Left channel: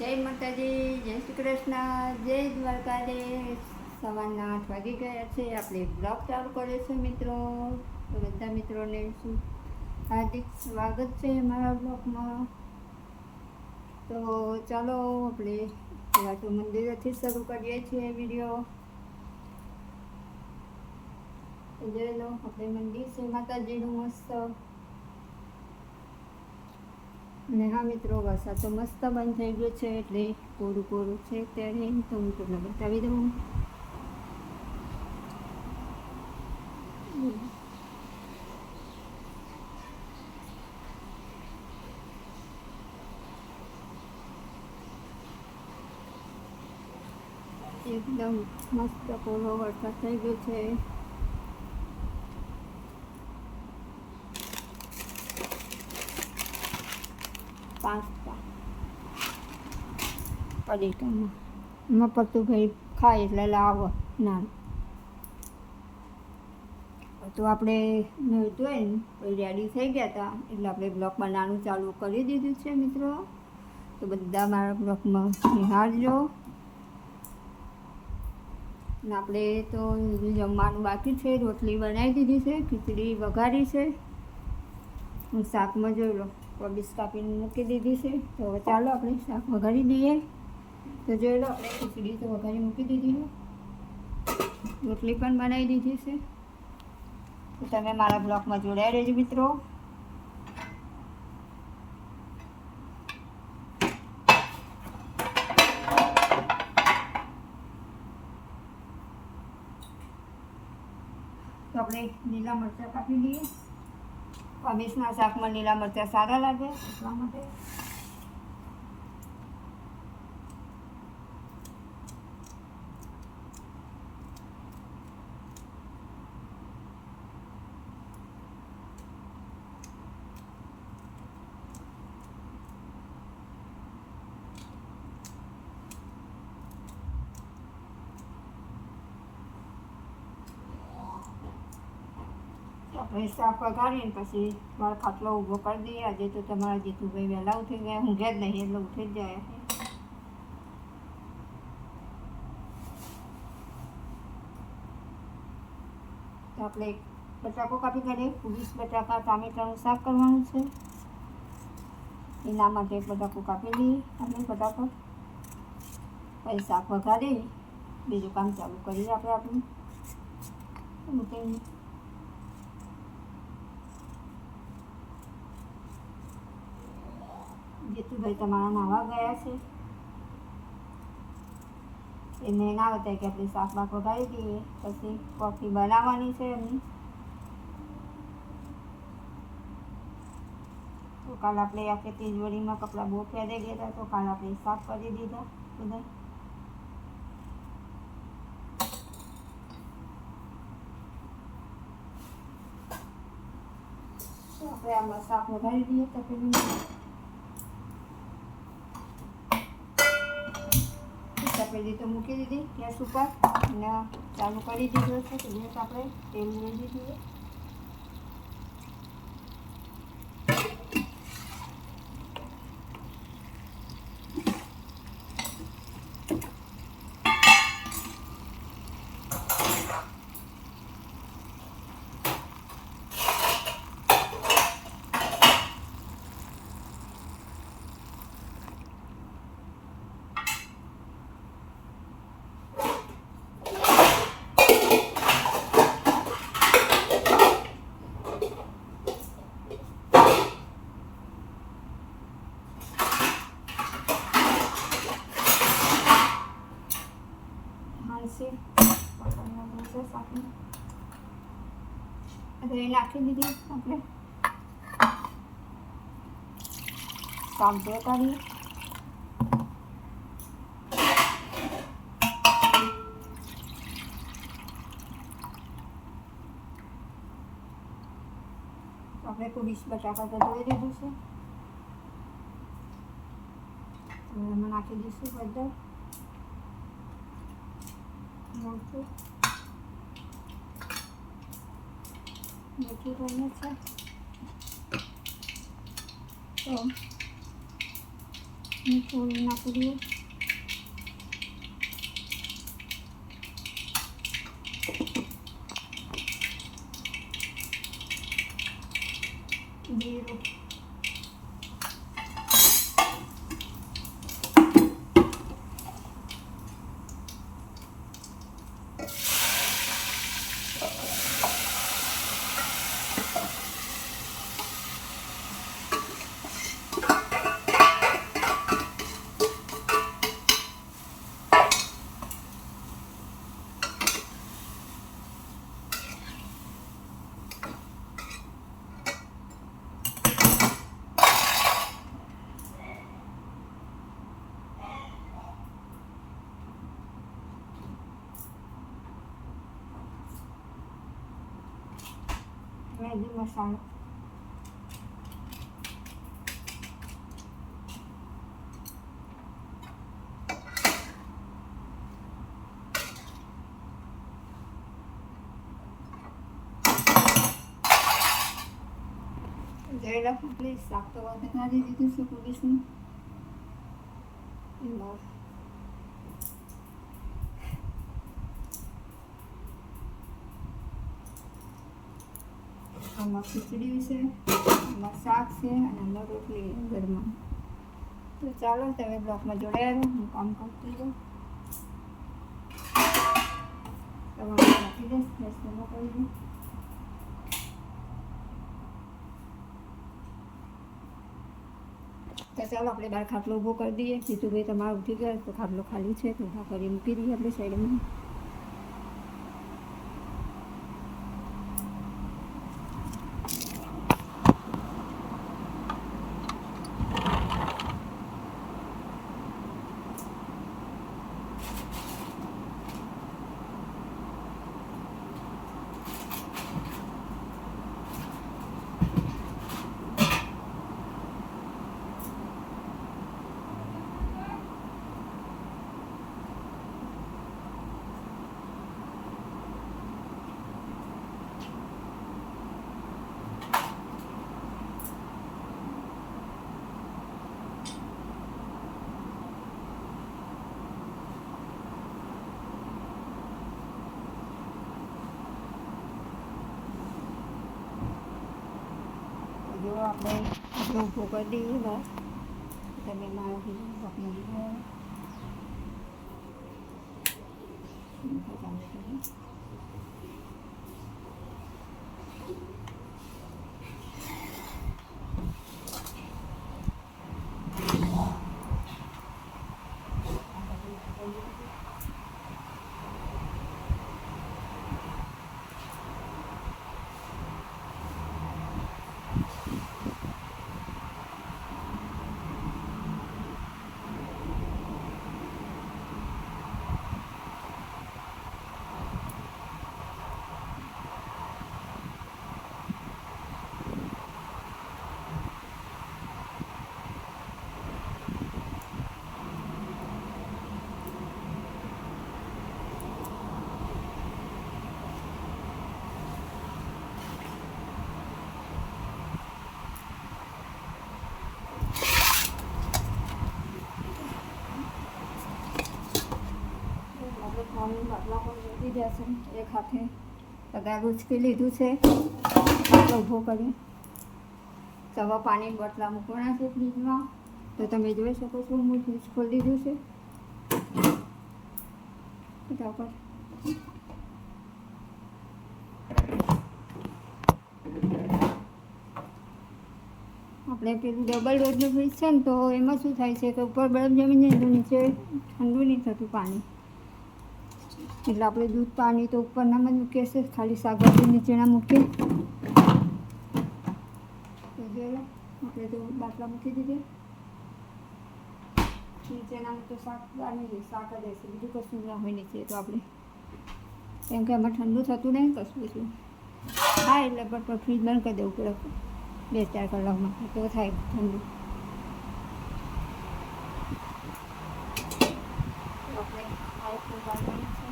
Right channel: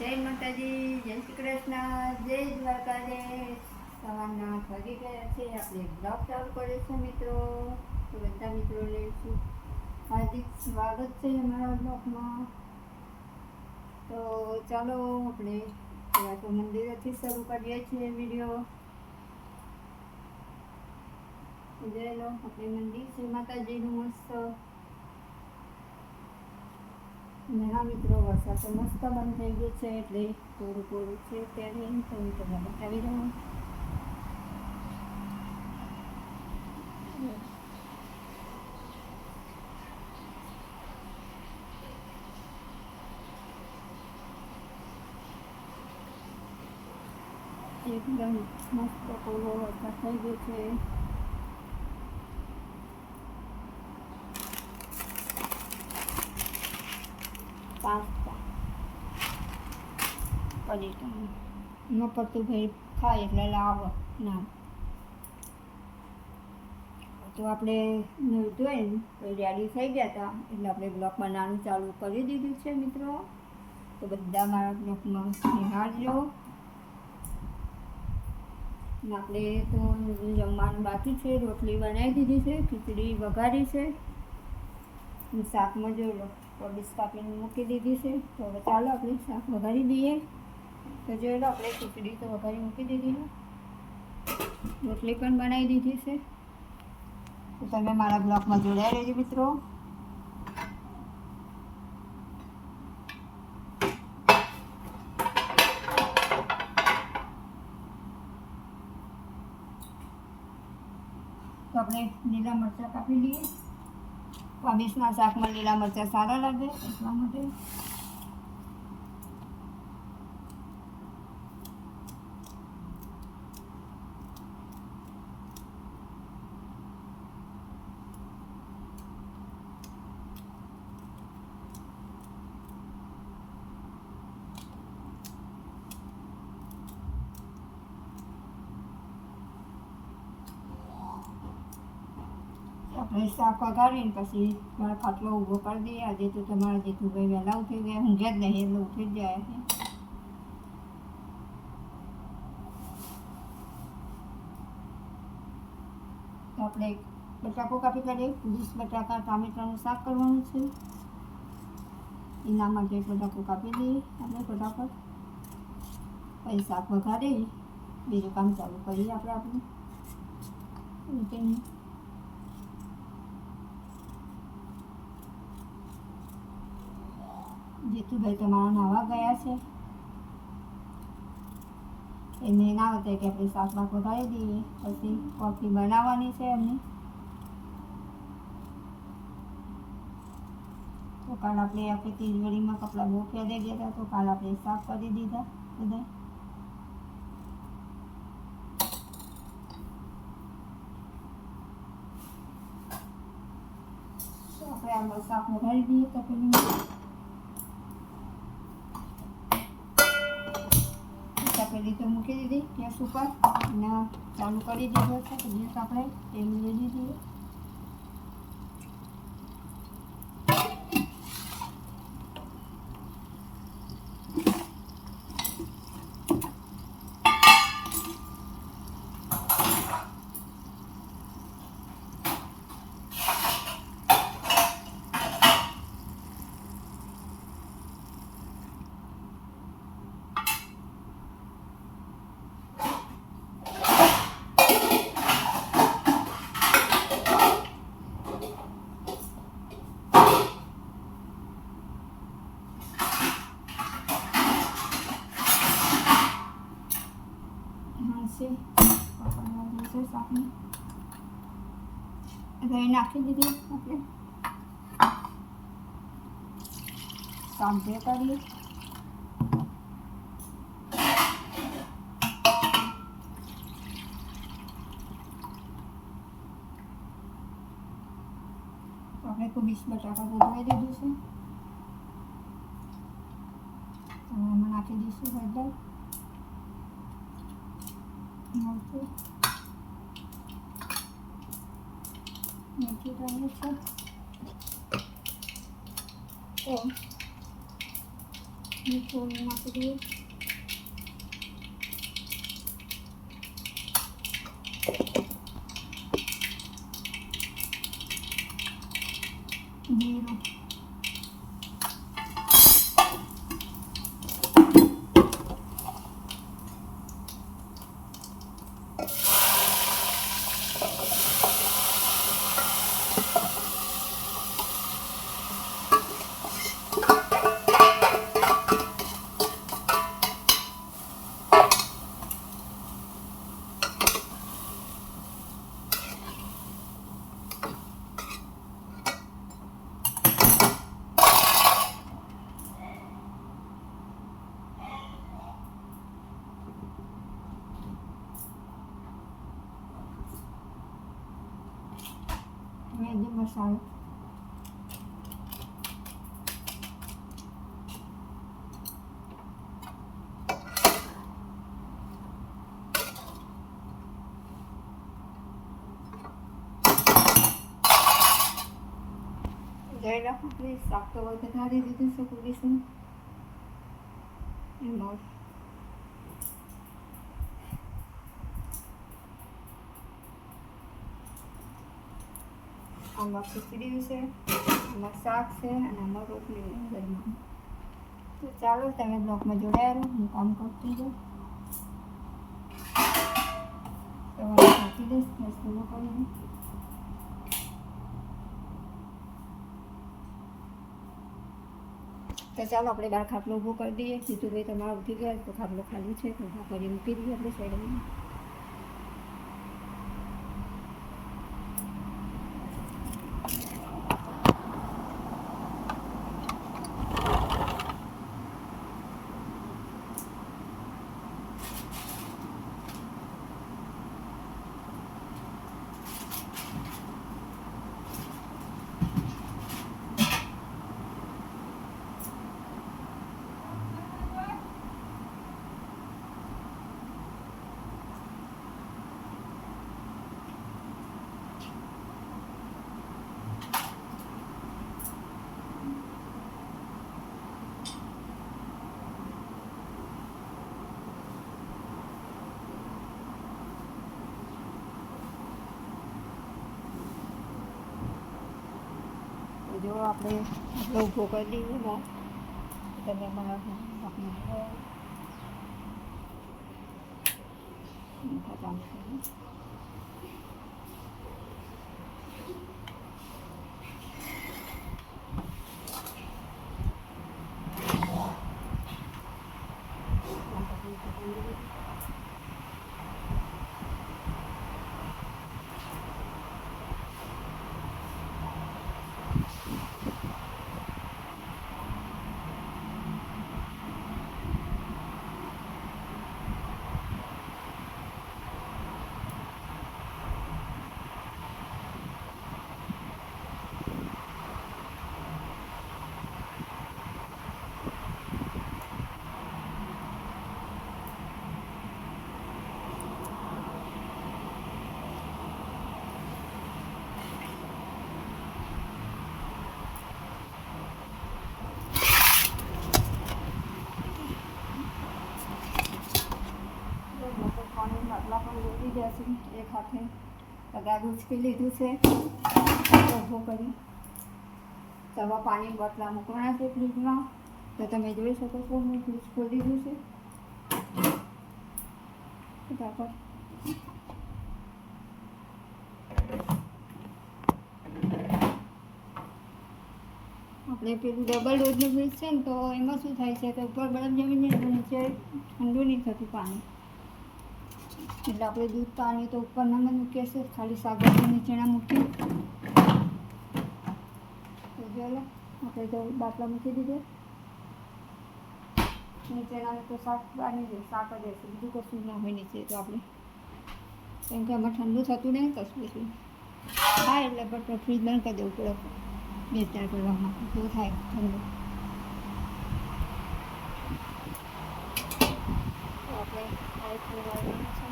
જય માતાજી, જય શ્રી કૃષ્ણ, જય દ્વારકાધીશ. સવારના આઠ વાગી ગયા છે. આપણે બ્લોગ ચાલુ કરીએ છીએ મિત્રો. તો બધા મિત્રોને શું હાર્દિક સ્વાગત છે અમારા બ્લોગમાં. તો ચાલો આપણે વાટો મંદિરેથી શરૂ કરીએ છીએ વીડિયો. જોઈ લો, આપણે મંદિર છે. માતાજીનું મસ્ત ને હા મિત્રો વરસાદ તો મસ્ત બંધ થઈ ગયો છે એટલે કોરું કોરું છે ત્યારે તો હું તમને બતાવી દઉં. એકદમ મસ્ત કોરો વરસાદ થઈ ગયો છે. પાસ્તા. પડી પડતું ભાઈ ખાય એટલે લાવો. ના. તો આપણે જોઈ ને પછી રેડી થઈ ગયા હતા એટલે આપણે બ્લોક બનાવવાનું ચાલુ કરી દીધું છે મિત્રો. તો બધા મારા બ્લોકમાં નિહાળજો. ને આપણે તો જમવાનું બાકી છે. રોટલી બનાવી દીધી છે ખીચડી વઘારી છે. હું શાકમાં જોઈ લો કોબીજ કાપીને મૂકી દીધી છે તો હવે ચાલો આપણે શાક વઘારી દઈએ તો જોઈ લો આપણે ખીચડી તો વઘારી મૂકી દીધી છે રોટલી પણ બનાવી દીધી છે તો તમે મારા બ્લોગમાં જોડાઈ રહેજો મિત્રો તો આપણે લીલા મરચાં કાપી લઈએ કોબીજના શાકમાં લીલા મરચાં સારા લાગે એટલા માટે. આપણે શાક વઘારીને પછી મારો ખાટલો ઊભો કરી દઈએ. આજે તો તમારા જેઠુભાઈ વહેલા ઉઠી ગયા, ઊંઘે જ નહીં, એટલે ઉઠી જ જાય તો આપણે બટાકો કાપી કાઢીએ. વીસ બટાકા ટામેટાનું શાક કરવાનું છે. એના માટે બટાકો કાપી દઈએ આપણે ફટાફટ. પછી શાક વઘારી બીજું કામ ચાલુ કરીએ આપણે આપણું. રૂટીન ભાઈ તમારા નાવા ગયા છે? એને ના બતાવે કે આપણે શાક બાક દઈએ. પછી કોફી બનાવવાની છે એમની. તો કાલ આપણે આપણે તિજોરીમાં કપડાં બહુ ફેરી ગયા હતા, તો કાલ આપણે સાફ કરી દીધા બધા. આપણે આમાં શાક વધારી દઈએ તપેલીમાં તપેલી તો મૂકી દીધી ગેસ ઉપર અને ચાલુ કરી દીધો છે. તો ગેસ આપણે તેલ લઈ દીધું દહીં નાખી દીધી આપણે શાક બે કરીએ આપણે કોબીજ બટાકા તો ધોઈ દીધું છે હવે એમાં નાખી દઈશું હળદર મરચું મીઠું તો અહીંયા છે તો મેગી મસાલો જોઈ લો આપણે શાક તો વધારી દીધું છે પોલીસનું એમાં આમાં ખીચડી છે આમાં શાક છે અને આમાં રોટલી ઘરમાં તો ચાલો તમે બ્લોકમાં જોડાયા રહો હું કામ કરતી જાઉં સવારે નાખી દઈશ લસણમાં કરી દઈશ તો ચાલો આપણે બાર ખાટલો ઊભો કરી દઈએ જીતુભાઈ તમારે ઉઠી ગયા તો ખાટલો ખાલી છે તો ઊભા કરી મૂકી દઈએ આપણે સાઈડમાં รอบเลยลูกผูกก็ดีนะแต่ไม่มาบอกมันเลยเขาจำได้ માટલા પણ લીધા છે એક હાથે કદાચ ઉચકી લીધું છે. ઊભો કરી. સવા પાણી બટલા મૂકવાના છે ફ્રીજમાં. તો તમે જોઈ શકો છો, હું ફ્રીજ ખોલી દીધું છે. ફટાફટ. આપણે પેલું ડબલ ડોઝનું ફ્રીજ છે ને, તો એમાં શું થાય છે કે ઉપર બરફ જમીને નીચે ઠંડુ નહીં થતું પાણી. એટલે આપણે દૂધ, પાણી તો ઉપરનામાં જ મૂકીએ છીએ ખાલી શાકભાજી નીચેના મૂકીએ. તો જો લો, આપણે તો બાટલા મૂકી દીધા. નીચેનામાં તો શાક પાણી જાય, શાક જ હશે, બીજું કશું ના હોય નીચે તો આપણે. કેમ કે એમાં ઠંડુ થતું નહીં, કશું બીજું હા, એટલે પણ ફ્રીજ બંધ કરી દેવું પડે. બે ચાર કલાકમાં, તો થાય ઠંડુ. આપણે પાઇપ વાળવાનું છે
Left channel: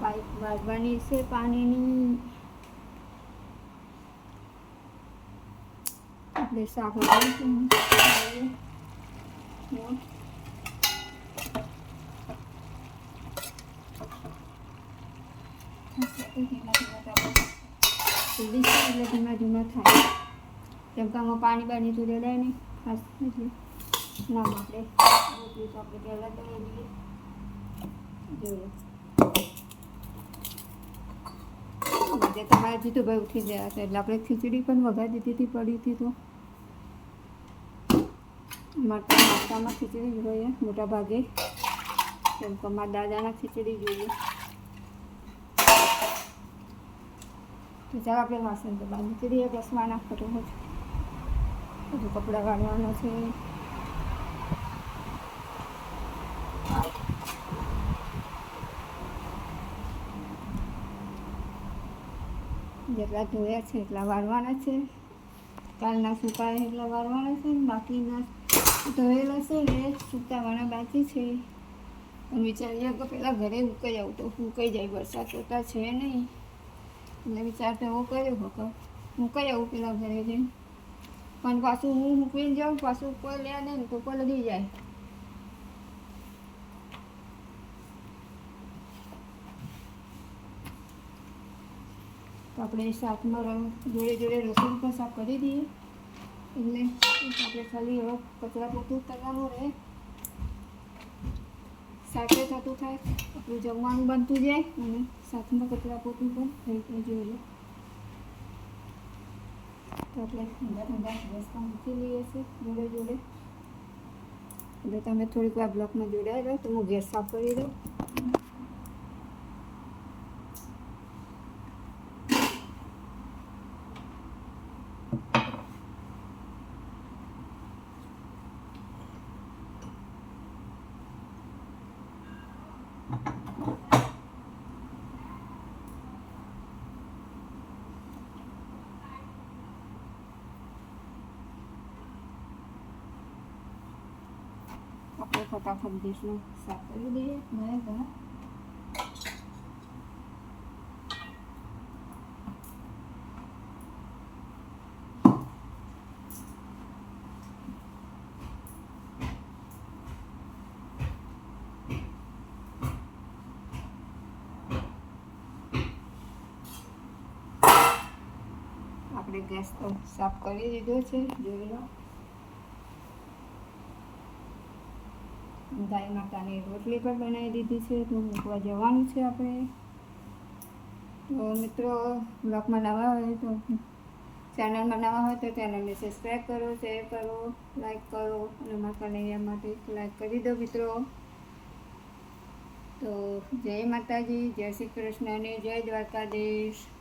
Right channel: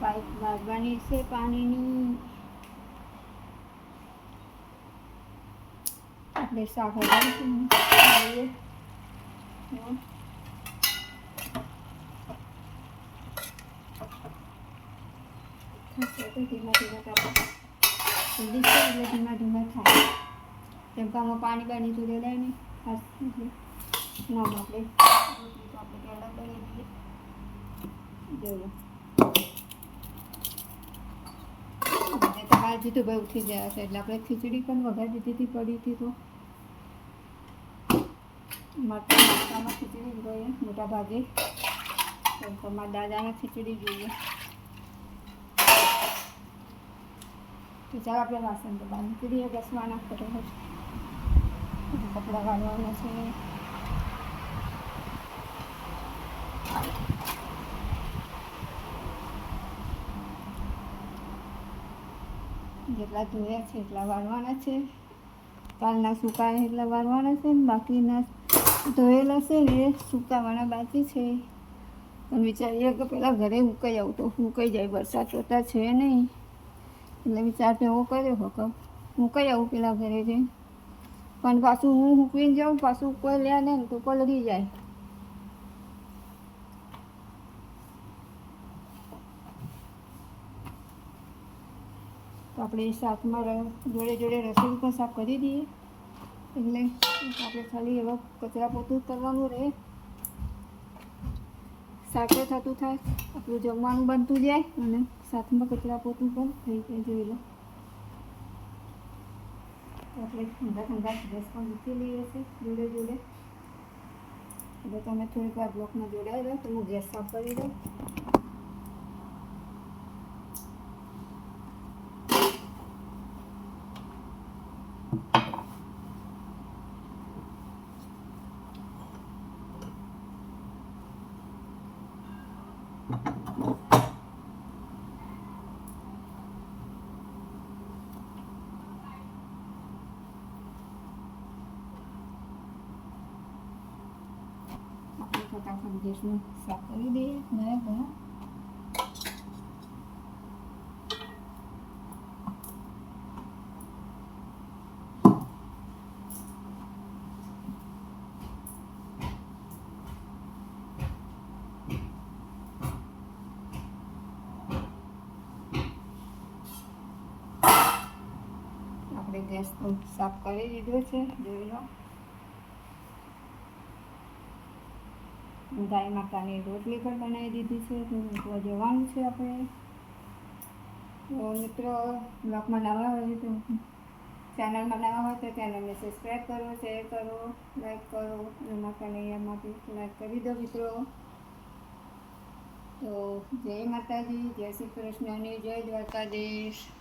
પાઇપ વાળવાની છે પાણીની. આપણે સાફો તો ધીમા ધીમા ધીમા ધીમા થાય. કેમ કે આમાં પાણી બાણી તો રેડાય નહીં. ખાસ નામ આપણે આપણે. પહેલાં તો જોઈએ. આજે તમારા જીતુભાઈ ઉઠી ગયા છે એટલે આપણે ખીચડી પણ વઘાર દીધી હતી, પડી હતી તો. માતા નાસ્તામાં ખીચડી જોઈએ મોટા ભાગે કેમ મારા દાદાના ખીચડી જોઈએ. તો ચાલો આપણે વાસણ તો બાંધી ખીચડી બસવાના ફોટો બધું કપડાં કાઢવાના છે. જેટલા ધોયા છે એટલા વાળવાના છે. કાલના સૂકા એટલા વાળવાના છે ને બાકીના ધોયેલા છે એ સૂકાવાના બાકી છે. પણ વિચારીએ કે પહેલાં ઘરે ઉકાઈ આવું તો ઉકાઈ જાય, વરસાદ જોતા છે નહીં. એટલે વિચાર તો એવો કર્યો હકો ઉકાઈ આવું પેલા ઘરે જઈને. પણ પાછું હું મૂકીને જાઉં, પાછું કોઈ લે ને તો પલળી જાય. તો આપણે શાકમાં જોડે જોડે રસોઈ પણ સાફ કરી દઈએ. એટલે આપણે ખાલી એવા કચરા પોતું કરવાનું રહે. સાથે થતું થાય, આપણું જમવાનું બનતું જાય અને સાથમાં કચરા પોતું પણ થઈ જાય, જોઈ લો. તો આપણે ઠંડા ઠંડા રસ પણ મૂકી લઈએ છીએ જોડે જોડે. એટલે તમે થોડીક વાર બ્લોકમાં જોડાઈ રહો તો હું ગેસ સાફ કરી દઉં આપણે ફટાફટ ગેસનું સાફ કરી દઈએ ના ઘણા આપણે ગેસ તો સાફ કરી દીધો છે જોઈ લો ગાય માતાની રોટલી પણ બનાવી દીધી છે, તો મૂકવા જવાનું છે આપણે. તો મિત્રો, બ્લોગમાં નવા હોય તો ચેનલમાં નવા હોય તો ચેનલને સબસ્ક્રાઈબ કરો, શેર કરો, લાઈક કરો, અને મારા કનૈયામાંથી લાઈક કરી દો મિત્રો. તો જય માતાજી, જય શ્રી કૃષ્ણ અને જય દ્વારકાધીશ.